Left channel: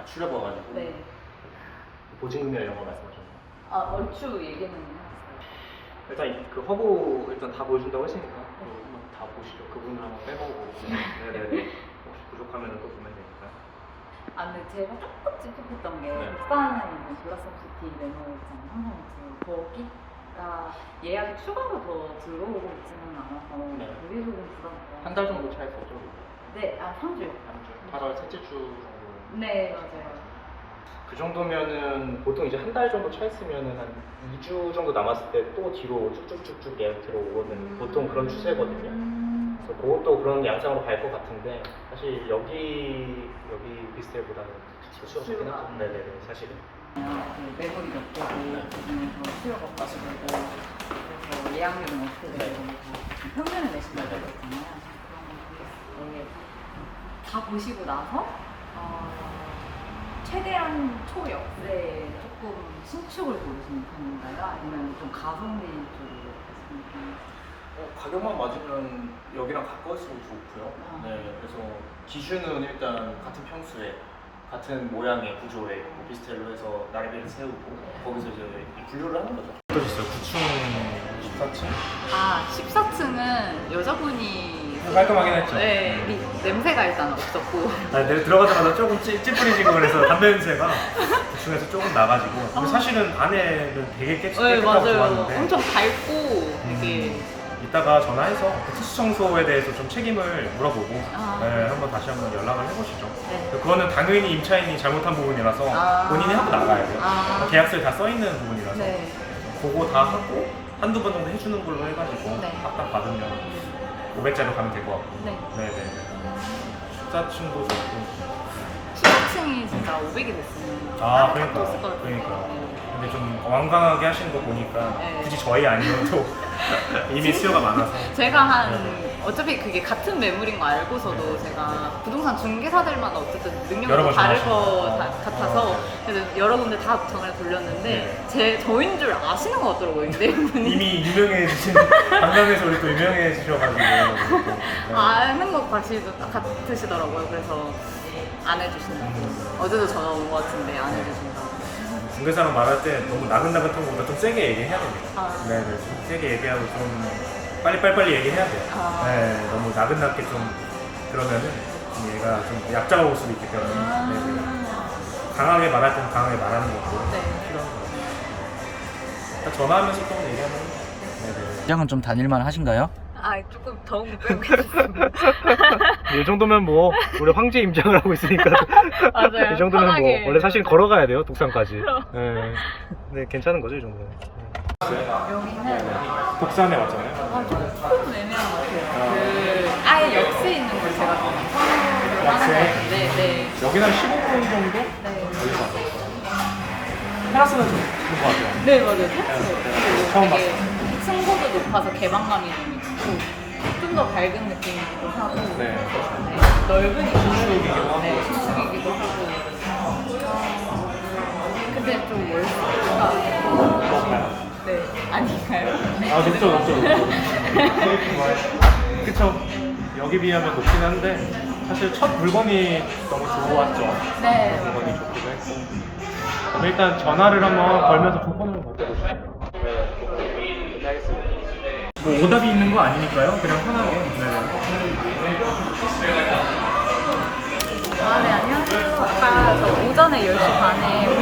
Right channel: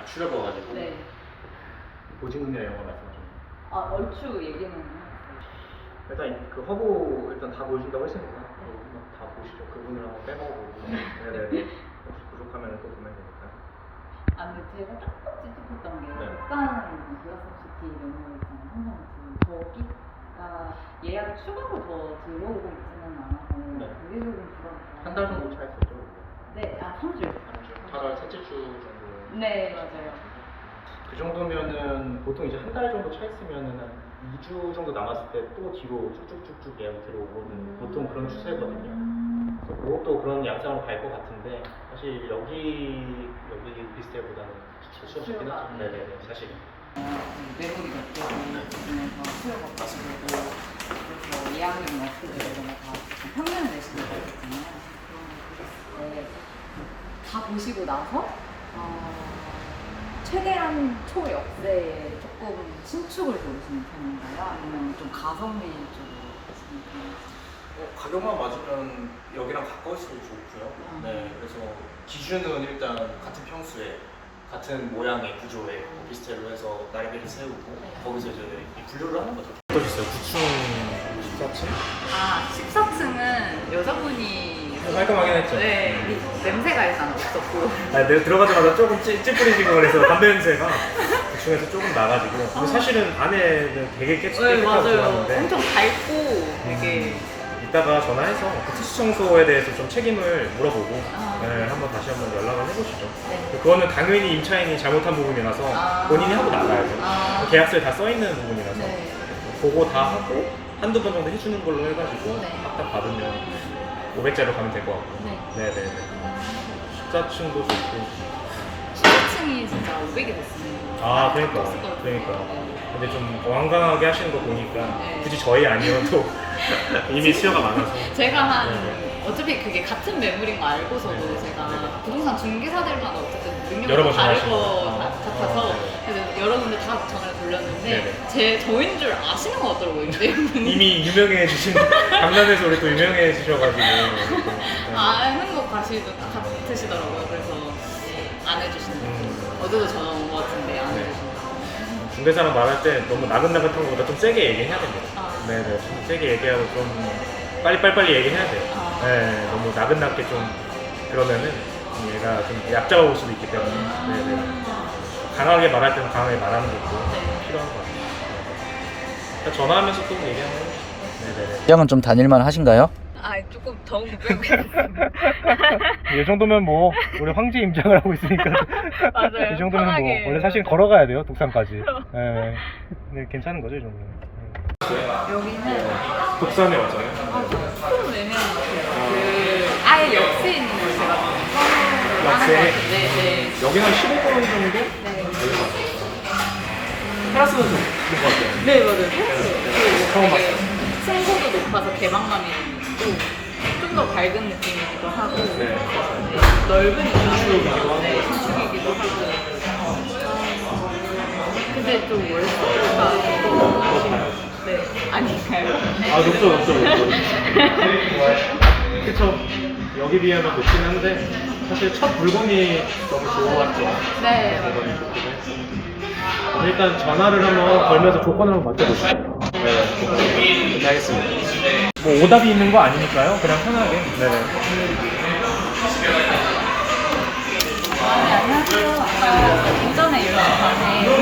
아, 추려봐가지고. 네. 보증이나 이런 거 말씀하셨나요? 아 얼추 얘기는 했어요. 일단 이- 그 허브 일단 다 보여준다고 했으니까 또 한번 다 보시죠. 그 부분을 한번 빼보고. 네네. 혹시 부족하면 또 보면 되니까. 아 근데 제가 조금 찝찝했던 게 네. 북산에 있는 도라섭시티 레노 있잖아요. 항공주 거기가 예약이 추가로 더 들어오고 있지는 않아서 네. 그게 조금 부담스러워요. 한 달 정도 차 있었죠. 네, 아 3주. 8월 셋째 주 정도. 네 맞아요. 그 정도면은 보통 이제 한 달 정도 차 있으면은 한 2주 정도 남았을 때 또 뒤로 쭉쭉쭉쭉 예약 들어오거든요. 보통 그런 추세거든요. 음. 그래서 그것도 그런 양상으로 갈 것 같은데 사실 여기 여기 비스텔보다는 수요가 수요가. 하죠. 네네 사실은. 몇 개고 그중에서 수요가 빠지고 그래서 예약률은 되고 이런 거다 평균을 내신다고 했잖아요. 그런 거 보셨을 때 다 보시고 나서 어, 최대한 초역세에 조금 신축을 고르시는 편인가요? 아니면 좀 가성비 쪽으로 하시는 편인가요? 어, 가격만 맞으면 여기랑 가까울수록 좋고요. 아. 네, 그래서 기준은 일단 같은 평수에 같은 모양의 구조의 오피스텔로 해서 나래비를 세우고 거기서 이제 이 분류를 하는 거죠. 어떠셨어요? 9층 14층? 아, 14층은 여자분이 깔끔하긴 했죠. 네, 이- 냄새가 일단 없었고 아, 내가 들어가자마자 조금 찌, 찌푸리지고 그래서 담배 냄새가 2층에서 조금 나가지고 근데 사실은 안에는 되게 깨끗, 깨끗하고 좋았는데 네, 엄청 밝고 되게 이따가 전화해서 그 특수 청소에 대해서 좀 책임을 물어보고 아. 네, 한번 다시 한번 연락을 해보시죠. 네. 그거는 당연히 임차인이 잘못한 부분이라서 아. 본인이 하고 나가야 돼요. 아. 계약서에 다 써 있는 부분이라서 네. 그거 다 하고 한두 번 정도 해주는 걸로 해가지고 네. 딱딱 받으면 500짜리로 가면 될 것 같고. 네. 네네네. 14층도 좋고 14층이 진짜 500이 됐으면 아 그러니까 것 같아요. 그러니까 네. 근데 좀 완강하게 하시는 거 보니까 네. 굳이 저희 아니어도 이미 수요가 많아서 제가 한 네. 어차피 그게 같은 매물인 거 알고서도 네. 제가 네. 부동산 중개사들마다 어쨌든 여러 능력이 번 다를 전화하시는 것 거. 같- 아. 같아서 아, 네. 그래서 여러 군데 다 전화를 돌렸는데 네네. 제 저인 줄 아시는 것 같더라고요 이분이 이미 유명해지신 강남에서 우리 또 유명해지셔가지고 또, 네. 아는 것 같이 같으시더라고요 그래서 안 해주시는 음. 어제도 전화 온 것 같은데 안 네. 해주신다고 중개사랑 말할 때 너무 나긋나긋한 것보다 좀 세게 얘기해야 됩니다. 아. 네네, 좀 세게 얘기하고 좀 빨리빨리빨리 얘기해야 돼요. 아. 네, 너무 나긋나게 좀 그러면은 얘가 좀 얕잡아올 수도 있기 때문에 네네. 강하게 말할 때는 강하게 말하는 것도 네. 필요한 것 같아요. 전화하면서 또 얘기 한번 해주시죠. 네네네. 시장은 좀 다닐만 하신가요? 아 조금 더운 거 빼고 있었습니다 이 정도면 뭐 우리 황제 임장을 하고 있으니까 맞아요. 이 정도면 뭐 편하게. 원래 사실 걸어가야 돼요 독산까지. 네. 근데 괜찮은 거죠 이 정도면. 여기는 독산에 왔잖아요. 아, 조금 애매한 그 아예 역세 있는 곳이라서 역세? 네, 네. 여기는 한 15분 정도 네. 걸릴 것 같아요. 테라스는 좀 좋은 것 같아요. 네, 맞아요. 처음 봤어요. 층고도 높아서 개방감이 좀 있고 좀 더 밝은 느낌이기도 하고 네. 네, 넓은 신축이기도 하고. 네, 신축이기도 하고 근데 좀 높아요. 높아요? 네, 아닌가요? 아 높죠 높죠 높죠. 그쵸. 여기 비하면 높긴 한데 사실 첫 물건이 너무 좋았죠. 네. 물건이 좋기도 했고. 그럼 일단 전화를 한번 걸면서 조건을 한번 맞춰보시죠. 네. 알겠습니다. 뭐 오답이 있는 거 아니니까요. 그냥 편하게. 네. 아, 네, 안녕하세요. 아까 저 오전에 10시 반에